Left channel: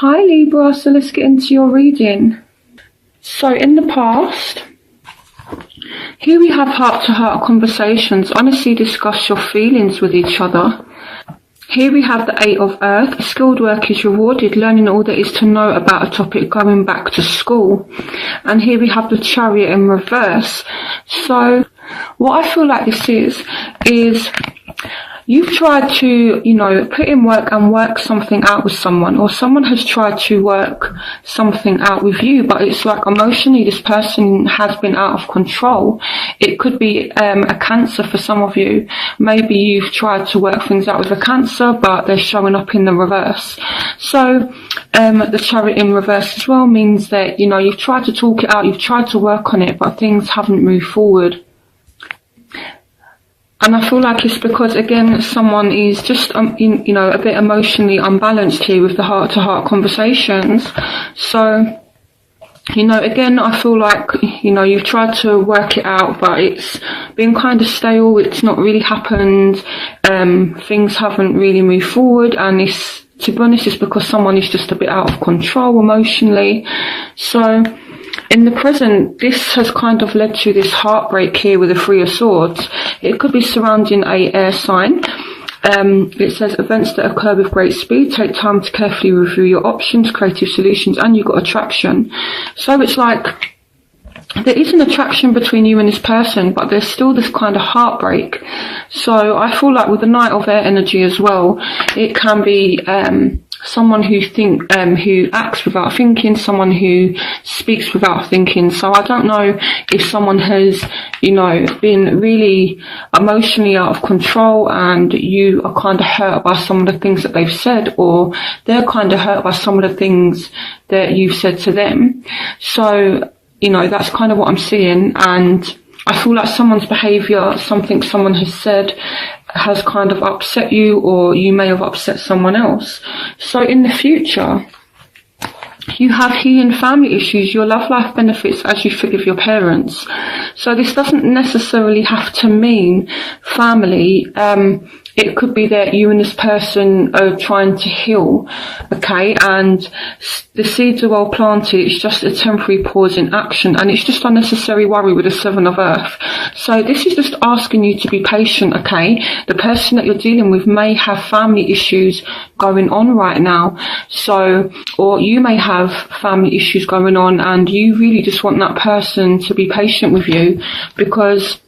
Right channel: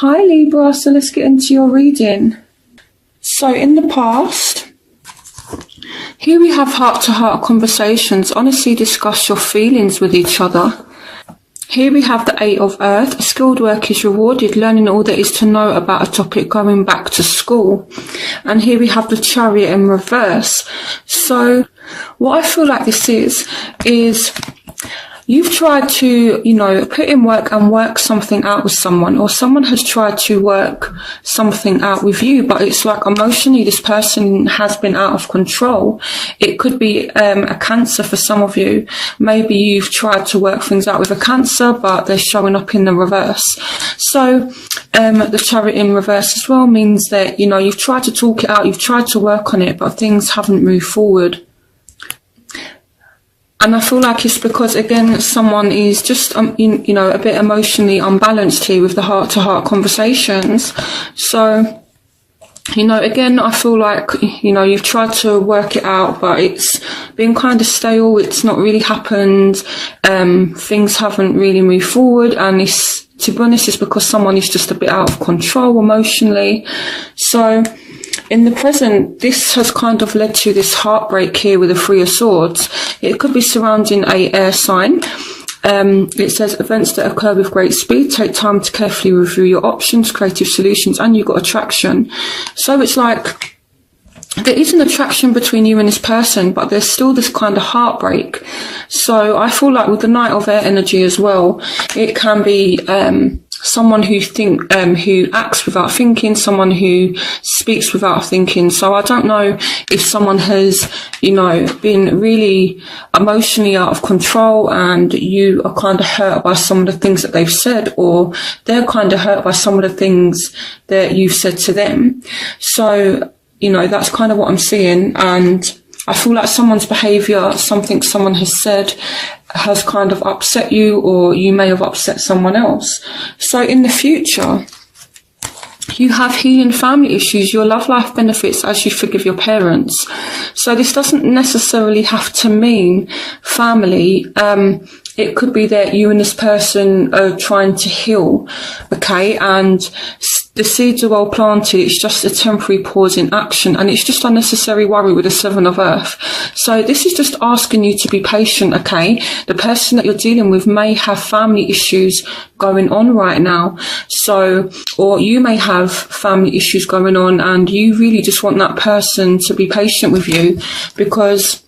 Hi Libra, so let's get into your reading. So in the past, here we have heart-to-heart conversations. Honestly discuss your feelings with each other. Here we have the Eight of Earth. Skilled work is rewarded, learning all there is to know about a topic, going back to school. And here we have the Chariot in reverse. So what I feel like this is you've tried to, put in work and work something out with someone, or someone has tried to work something out with you, but it's like emotionally this person has been out of control. It could be a Cancer for some of you. Maybe you've tried to work things out with a Cancer, but they're showing up in the reverse. So the Chariot in reverse as well means that, you've tried to talk it out, you've tried to work on it, but things haven't moved forward. And I feel like it's because, again, someone is just, a bit emotionally unbalanced here with the heart-to-heart conversations. So, again, I feel like, you've tried to work it out, but it's been kind of stale. It's not really happened. Things haven't really moved forward. And it's, to be honest, it's because someone is just a bit out of control emotionally. So in the present, this has kind of led to this heartbreak here with the Three of Swords. It could be surrounding a air sign. It says events that occur with great speed. Take time to carefully review your options, creative solutions, and you've got attraction. So it's like there is an attraction between you and this person, but there's still this kind of heartbreak. So I feel like with the Knight of Air energy as well, it can be someone who acts without thinking, someone who speaks without thinking. So I don't know if someone has, been really emotionally out of control and you are kind of hurt by some of the things that they've said, or they're kind of hurt by some of the things that you've said to them. So, that's kind of what I'm seeing. And I feel like someone's behaviour, something someone has said, has kind of upset you, or you may have upset someone else. So in the future, you have healing family issues. Your love life benefits as you forgive your parents. So this doesn't necessarily have to mean family. It could be that you and this person are trying to heal, okay? And the seeds are well planted. It's just a temporary pause in action, and it's just unnecessary worry with the Seven of Earth. So this is just asking you to be patient, okay? The person that you're dealing with may have family issues going on right now. So, or you may have family issues going on, and you really just want that person to be patient with you, because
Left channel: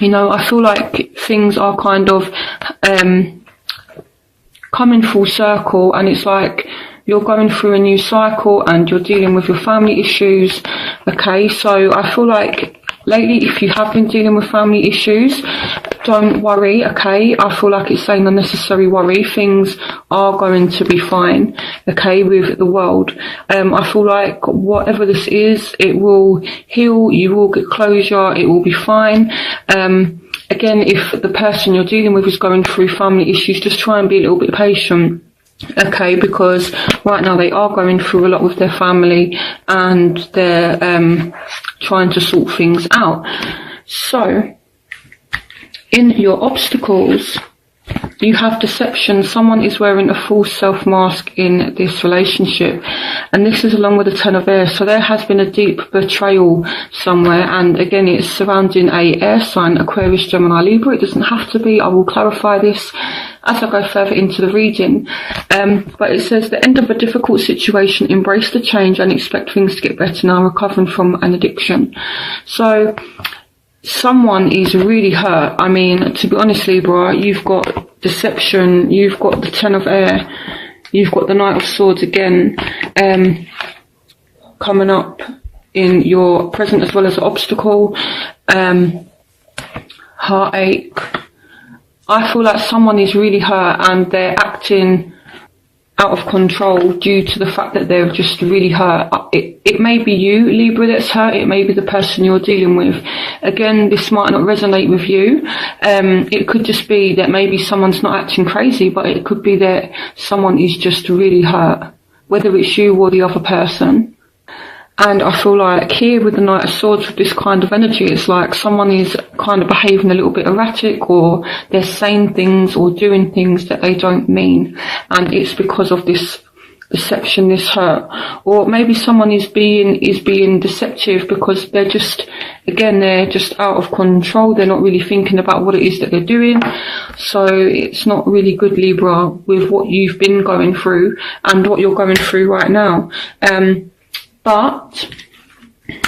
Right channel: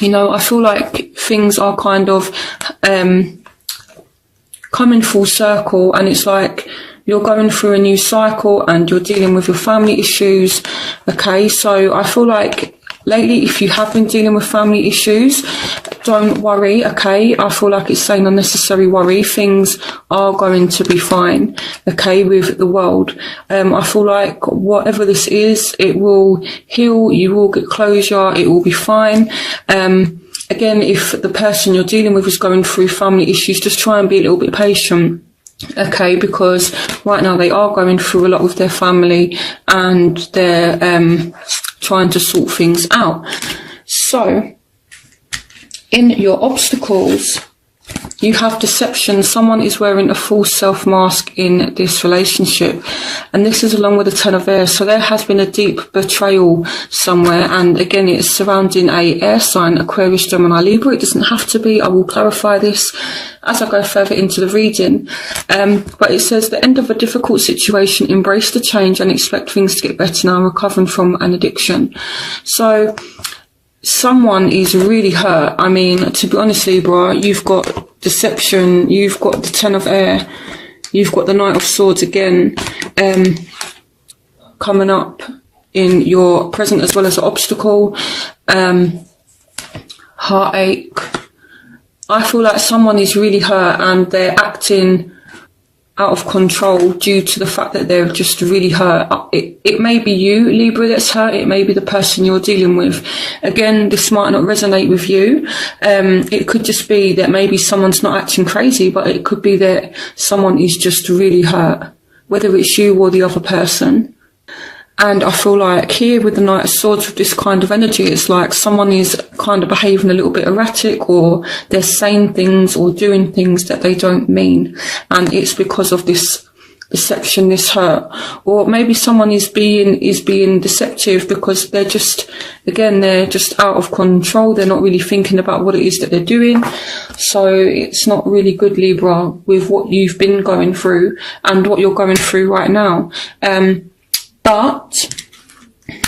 I feel like things are kind of coming full circle, and it's like you're going through a new cycle and you're dealing with your family issues, okay? So I feel like lately, if you have been dealing with family issues, don't worry, okay? I feel like it's saying unnecessary worry. Things are going to be fine, okay, with the world. I feel like whatever this is, it will heal, you will get closure, it will be fine. Again, if the person you're dealing with is going through family issues, just try and be a little bit patient, okay, because right now they are going through a lot with their family and they're trying to sort things out. So in your obstacles, you have deception. Someone is wearing a false self mask in this relationship, and this is along with the Ten of Air. So there has been a deep betrayal somewhere, and again it is surrounding a air sign, Aquarius, Gemini, Libra. It doesn't have to be. I will clarify this as I go further into the reading. But it says the end of a difficult situation, embrace the change and expect things to get better now, recovering from an addiction. So someone is really hurt. I mean, to be honest, Libra, you've got deception, you've got the Ten of Air, you've got the Knight of Swords again, coming up in your present as well as an obstacle, heartache. I feel like someone is really hurt and they're acting out of control due to the fact that they're just really hurt. It may be you, Libra, that's hurt. It may be the person you're dealing with. Again, this might not resonate with you. It could just be that maybe someone's not acting crazy, but it could be that someone is just really hurt, whether it's you or the other person. And I feel like here with the Knight of Swords, with this kind of energy, it's like someone is kind of behaving a little bit erratic, or they're saying things or doing things that they don't mean. And it's because of this perception, this hurt, or maybe someone is being deceptive because they're just out of control. They're not really thinking about what it is that they're doing. So it's not really good, Libra, with what you've been going through and what you're going through right now. But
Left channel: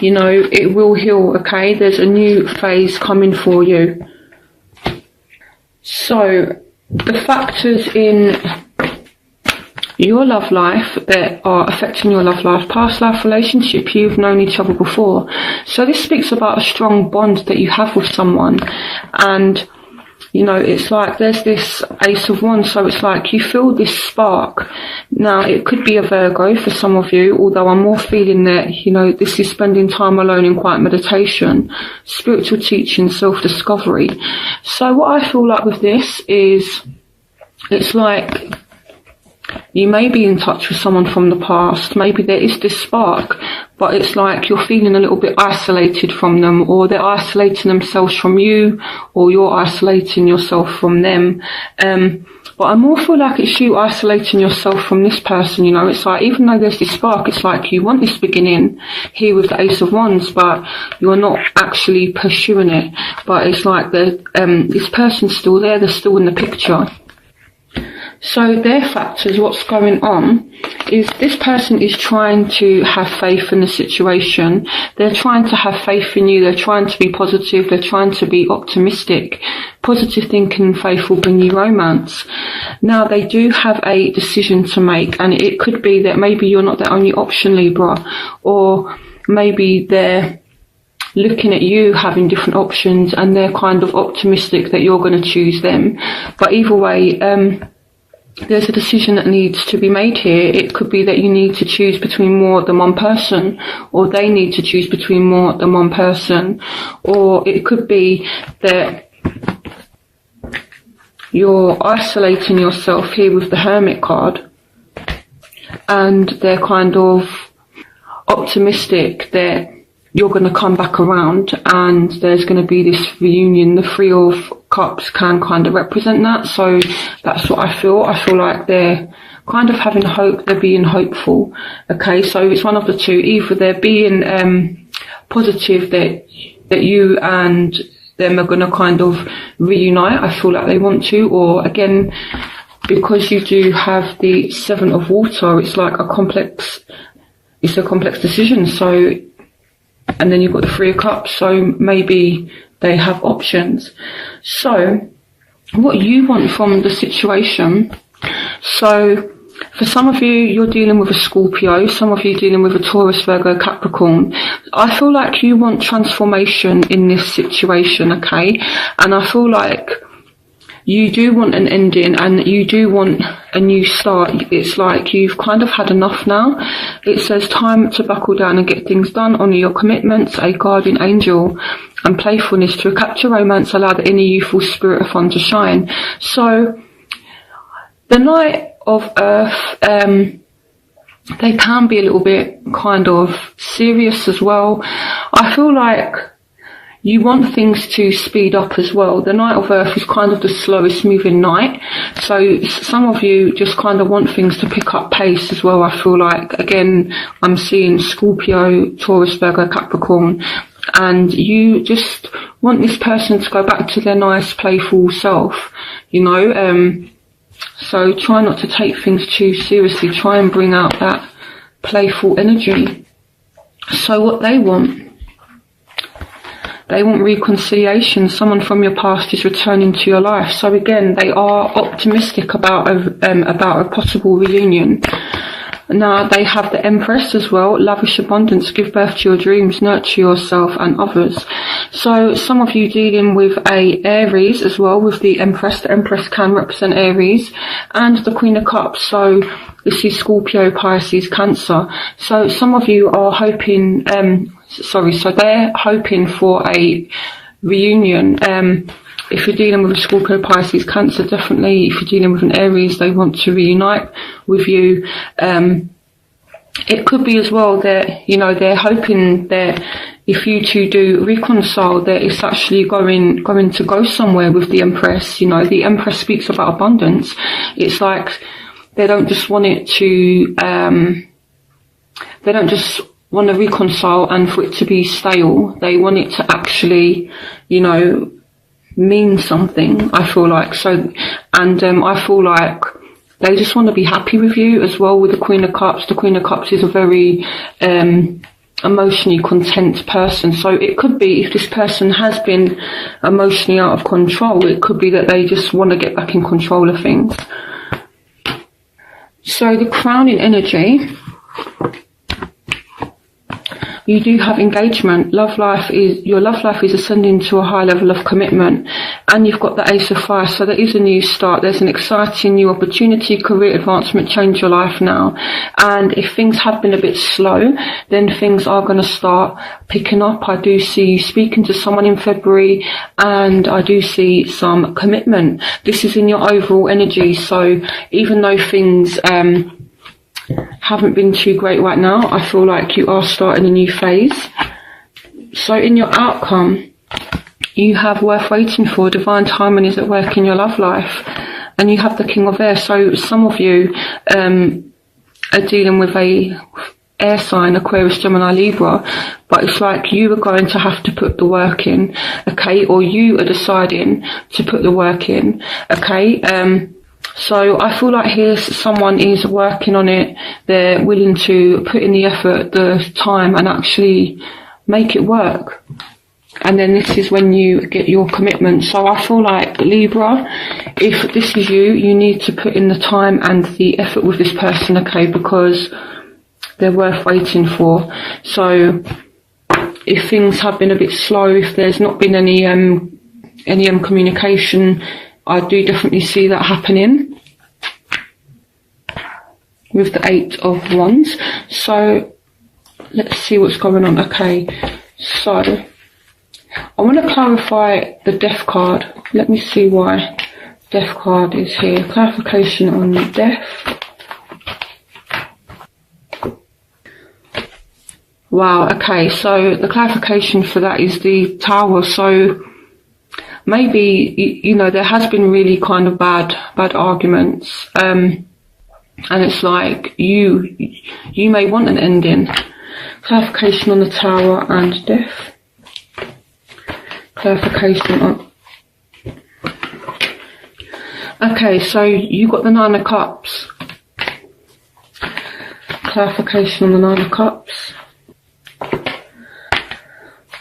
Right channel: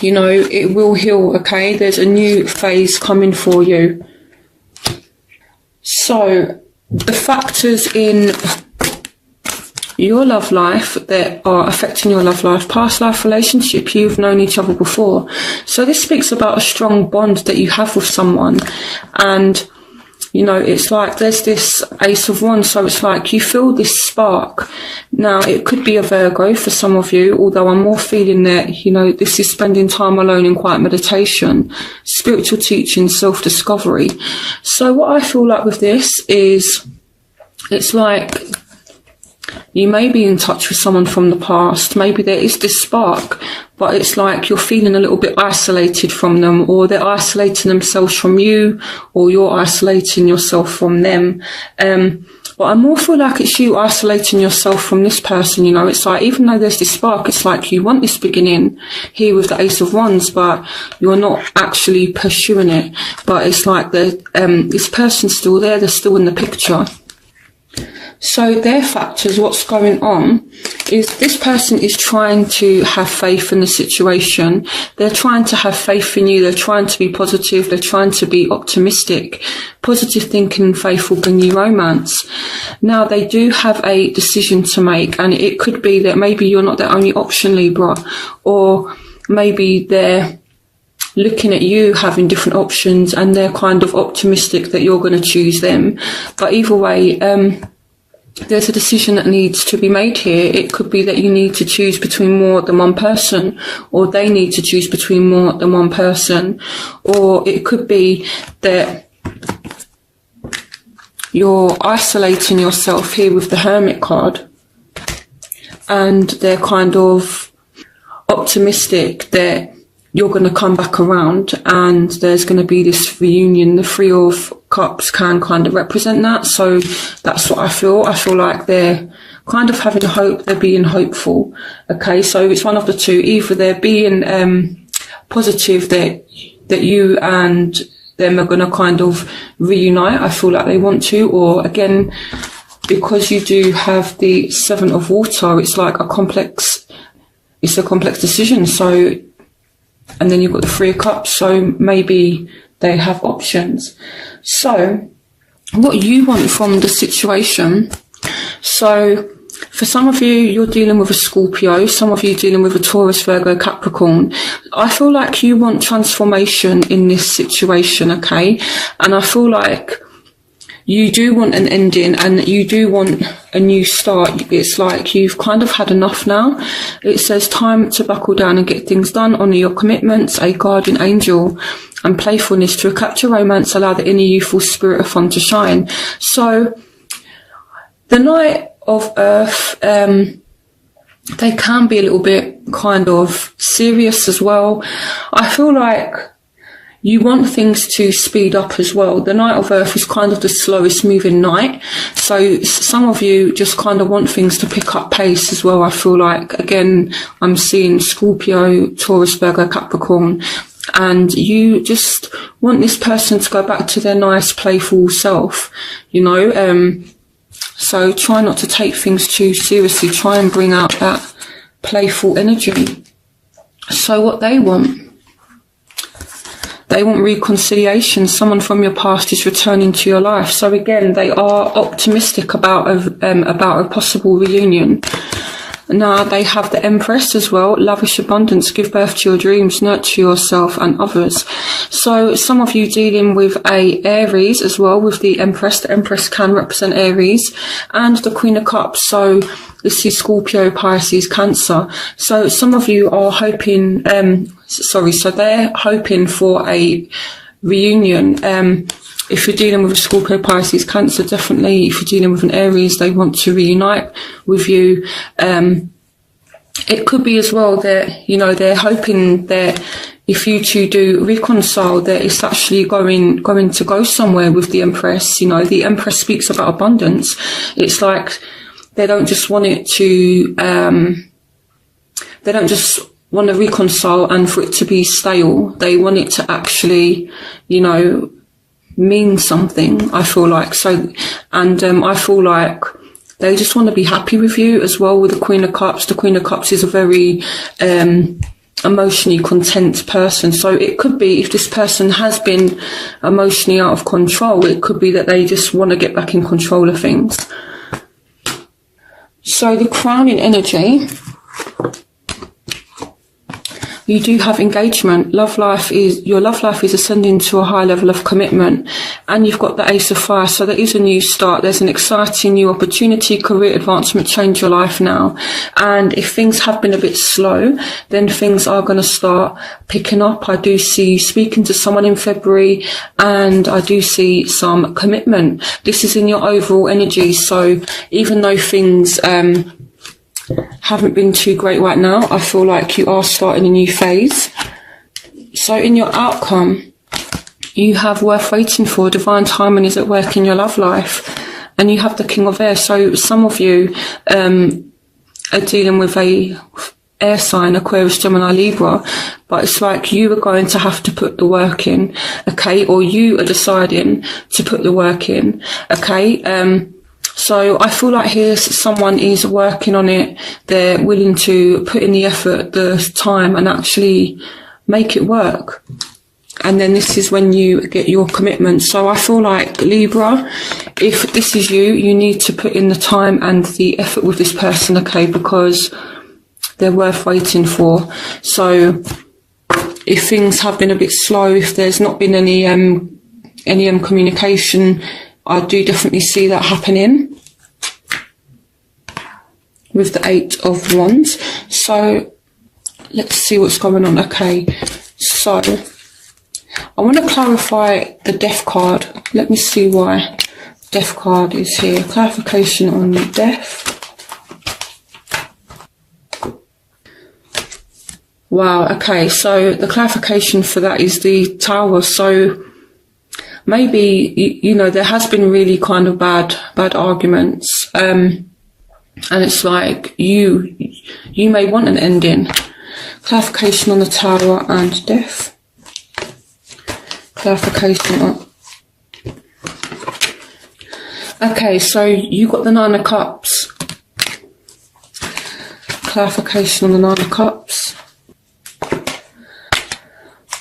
you know, it will heal, okay? There's a new phase coming for you. So the factors in your love life that are affecting your love life: past life relationship, you've known each other before. So this speaks about a strong bond that you have with someone. And, you know, it's like there's this Ace of Wands, so it's like you feel this spark. Now, it could be a Virgo for some of you, although I'm more feeling that, you know, this is spending time alone in quiet meditation, spiritual teaching, self-discovery. So what I feel like with this is, it's like you may be in touch with someone from the past. Maybe there is this spark, but it's like you're feeling a little bit isolated from them, or they're isolating themselves from you, or you're isolating yourself from them. But I more feel like it's you isolating yourself from this person, you know. It's like, even though there's this spark, it's like you want this beginning here with the Ace of Wands, but you're not actually pursuing it. But it's like this person's still there, they're still in the picture. So their factors, what's going on, is this person is trying to have faith in the situation. They're trying to have faith in you. They're trying to be positive. They're trying to be optimistic. Positive thinking and faith will bring you romance. Now, they do have a decision to make, and it could be that maybe you're not the only option, Libra, or maybe they're looking at you having different options and they're kind of optimistic that you're going to choose them. But either way, there's a decision that needs to be made here. It could be that you need to choose between more than one person, or they need to choose between more than one person, or it could be that you're isolating yourself here with the Hermit card, and they're kind of optimistic that you're going to come back around and there's going to be this reunion. The Three of Cups can kind of represent that. So that's what I feel. I feel like they're kind of having hope. They're being hopeful. Okay, so it's one of the two. Either they're being positive that you and them are going to kind of reunite. I feel like they want to. Or again, because you do have the Seven of Water, it's like a complex decision. So, and then you've got the Three of Cups, so maybe they have options. So what you want from the situation, so for some of you, you're dealing with a Scorpio, some of you dealing with a Taurus, Virgo, Capricorn. I feel like you want transformation in this situation, okay? And I feel like you do want an ending and you do want a new start. It's like you've kind of had enough now. It says time to buckle down and get things done, honour your commitments, a guardian angel and playfulness to capture romance, allow the inner youthful spirit of fun to shine. So the Knight of Earth, they can be a little bit kind of serious as well. I feel like you want things to speed up as well. The Knight of Earth is kind of the slowest moving knight. So some of you just kind of want things to pick up pace as well. I feel like, again, I'm seeing Scorpio, Taurus, Virgo, Capricorn, and you just want this person to go back to their nice, playful self, you know. So try not to take things too seriously. Try and bring out that playful energy. So what they want reconciliation. Someone from your past is returning to your life. So again, they are optimistic about a possible reunion. Now, they have the Empress as well. Lavish abundance, give birth to your dreams, nurture yourself and others. So some of you dealing with a Aries as well, with the Empress. The Empress can represent Aries, and the Queen of Cups. So this is Scorpio, Pisces, Cancer. So some of you are hoping, so they're hoping for a reunion. If you're dealing with a Scorpio, Pisces, Cancer, definitely. If you're dealing with an Aries, they want to reunite with you. It could be as well that, you know, they're hoping that if you two do reconcile, that it's actually going to go somewhere with the Empress. You know, the Empress speaks about abundance. It's like they don't just want it to, they don't just want to reconcile and for it to be stale. They want it to actually, you know, mean something, I feel like. So, and I feel like they just want to be happy with you as well with the Queen of Cups. The Queen of Cups is a very emotionally content person. So it could be, if this person has been emotionally out of control, it could be that they just want to get back in control of things. So the crowning energy, you do have engagement. Your love life is ascending to a high level of commitment, and you've got the Ace of Fire. So there is a new start. There's an exciting new opportunity, career advancement, change your life now. And if things have been a bit slow, then things are going to start picking up. I do see you speaking to someone in February, and I do see some commitment. This is in your overall energy. So even though things haven't been too great right now, I feel like you are starting a new phase. So in your outcome, you have worth waiting for. Divine timing is at work in your love life, and you have the King of Air. So some of you are dealing with a air sign, Aquarius, Gemini, Libra, but it's like you are going to have to put the work in, okay, or you are deciding to put the work in, okay. So I feel like here someone is working on it. They're willing to put in the effort, the time, and actually make it work. And then this is when you get your commitment. So I feel like, Libra, if this is you, you need to put in the time and the effort with this person, okay, because they're worth waiting for. So if things have been a bit slow, if there's not been any communication, I do definitely see that happening with the Eight of Wands. So let's see what's going on. Okay, so I want to clarify the Death card. Let me see why Death card is here. Clarification on the Death. Wow, okay, so the clarification for that is the Tower. So maybe, you know, there has been really kind of bad arguments, and it's like you may want an ending. Clarification on the Tower and Death. Clarification. Okay, so you got the Nine of Cups. Clarification on the Nine of Cups.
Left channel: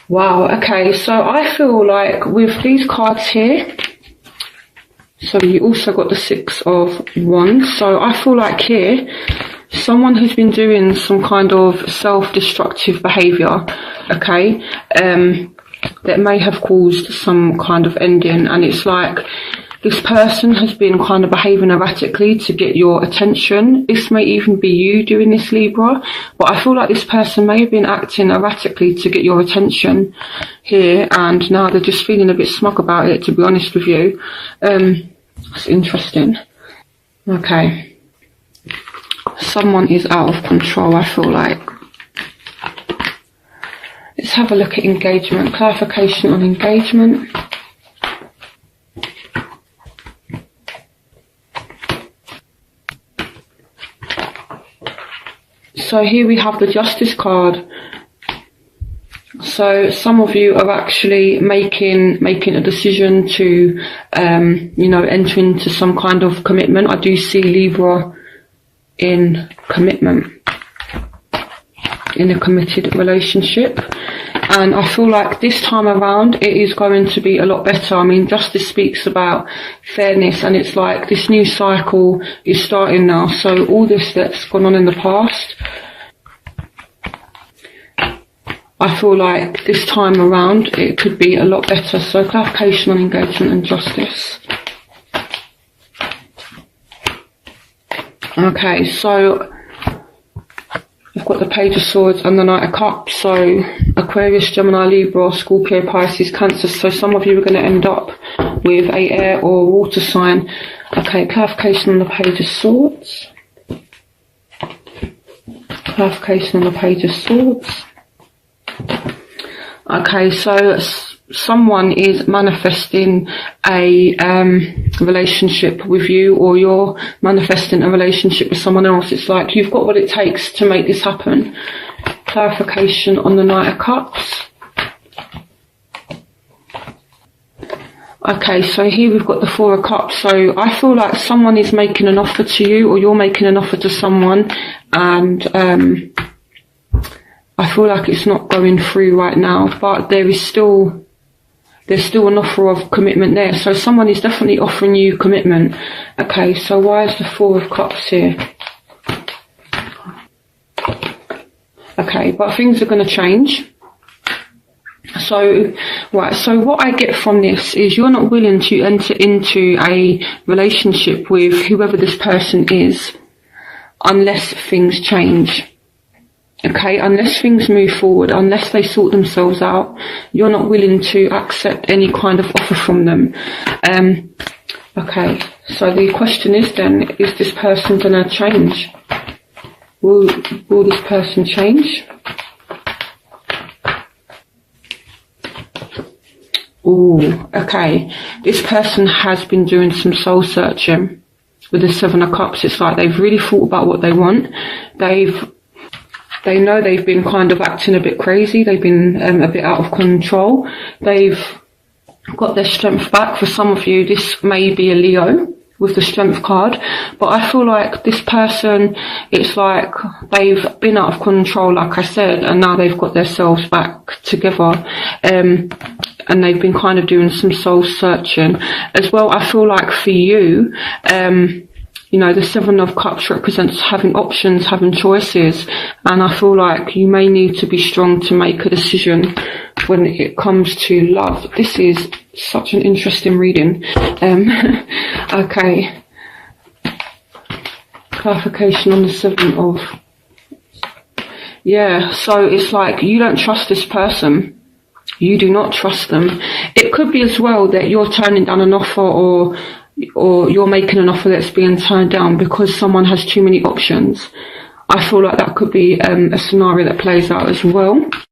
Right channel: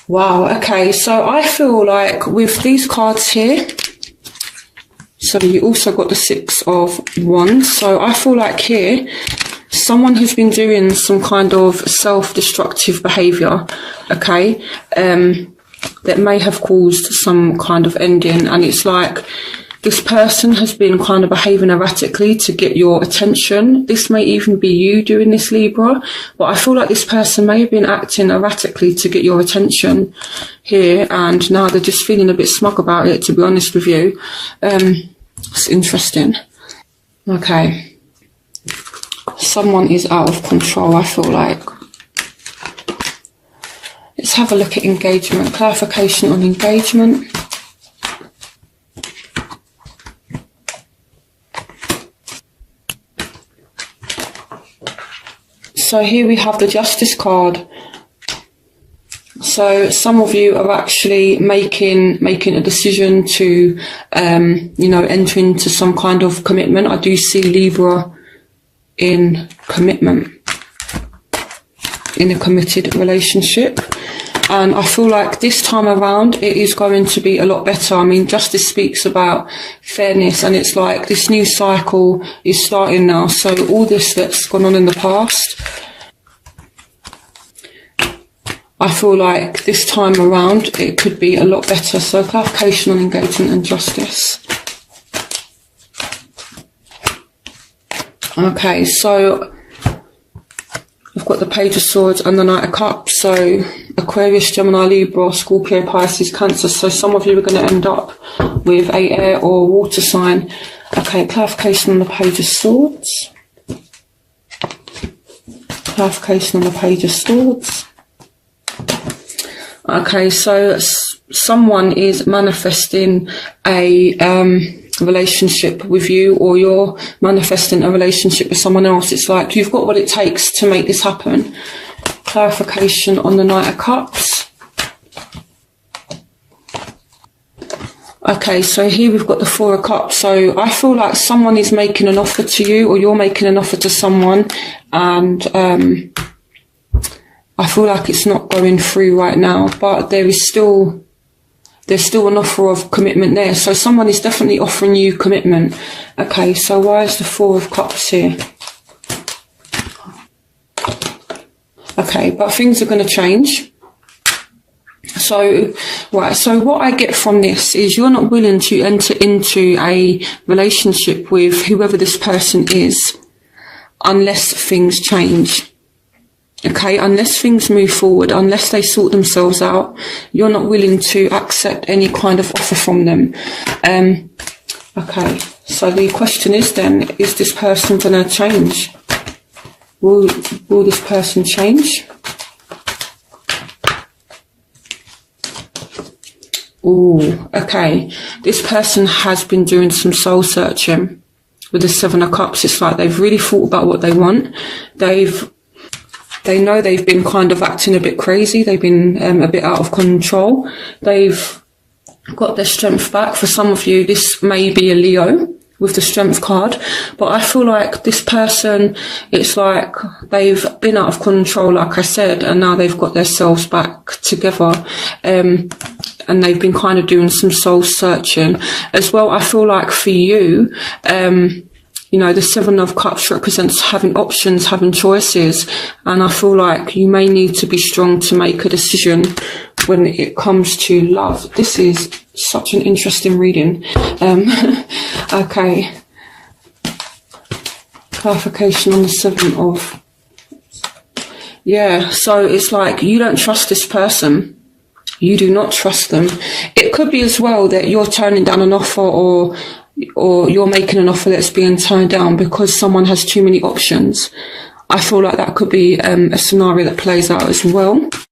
Wow, okay, so I feel like with these cards here, so you also got the Six of Wands, so I feel like here, someone who's been doing some kind of self-destructive behaviour, okay, that may have caused some kind of ending, and it's like this person has been kind of behaving erratically to get your attention. This may even be you doing this, Libra, but I feel like this person may have been acting erratically to get your attention here, and now they're just feeling a bit smug about it, to be honest with you. It's interesting. Okay. Someone is out of control, I feel like. Let's have a look at engagement. Clarification on engagement. So here we have the Justice card. So some of you are actually making a decision to, you know, enter into some kind of commitment. I do see Libra in commitment, in a committed relationship. And I feel like this time around, it is going to be a lot better. I mean, Justice speaks about fairness, and it's like this new cycle is starting now. So all this that's gone on in the past, I feel like this time around, it could be a lot better. So clarification on engagement and justice. Okay, so I've got the Page of Swords and the Knight of Cups. So Aquarius, Gemini, Libra, Scorpio, Pisces, Cancer. So some of you are going to end up with a air or water sign. Okay, clarification on the Page of Swords. Clarification on the Page of Swords. Okay, so someone is manifesting a relationship with you, or you're manifesting a relationship with someone else. It's like you've got what it takes to make this happen. Clarification on the Knight of Cups. Okay, so here we've got the Four of Cups. So I feel like someone is making an offer to you, or you're making an offer to someone, and I feel like it's not going through right now, but there's still an offer of commitment there. So someone is definitely offering you commitment. Okay, so why is the Four of Cups here? Okay, but things are going to change. So, right, so what I get from this is you're not willing to enter into a relationship with whoever this person is unless things change. Okay, unless things move forward, unless they sort themselves out, you're not willing to accept any kind of offer from them. Okay, so the question is then, is this person going to change? Will this person change? Oh, okay. This person has been doing some soul searching with the Seven of Cups. It's like they've really thought about what they want. They know they've been kind of acting a bit crazy. They've been a bit out of control. They've got their strength back. For some of you, this may be a Leo with the Strength card. But I feel like this person, it's like they've been out of control, like I said, and now they've got themselves back together. And they've been kind of doing some soul searching. As well, I feel like for you, you know, the Seven of Cups represents having options, having choices. And I feel like you may need to be strong to make a decision when it comes to love. This is such an interesting reading. Okay. Clarification on the Seven of... Yeah, so it's like you don't trust this person. You do not trust them. It could be as well that you're turning down an offer, or you're making an offer that's being turned down because someone has too many options. I feel like that could be a scenario that plays out as well.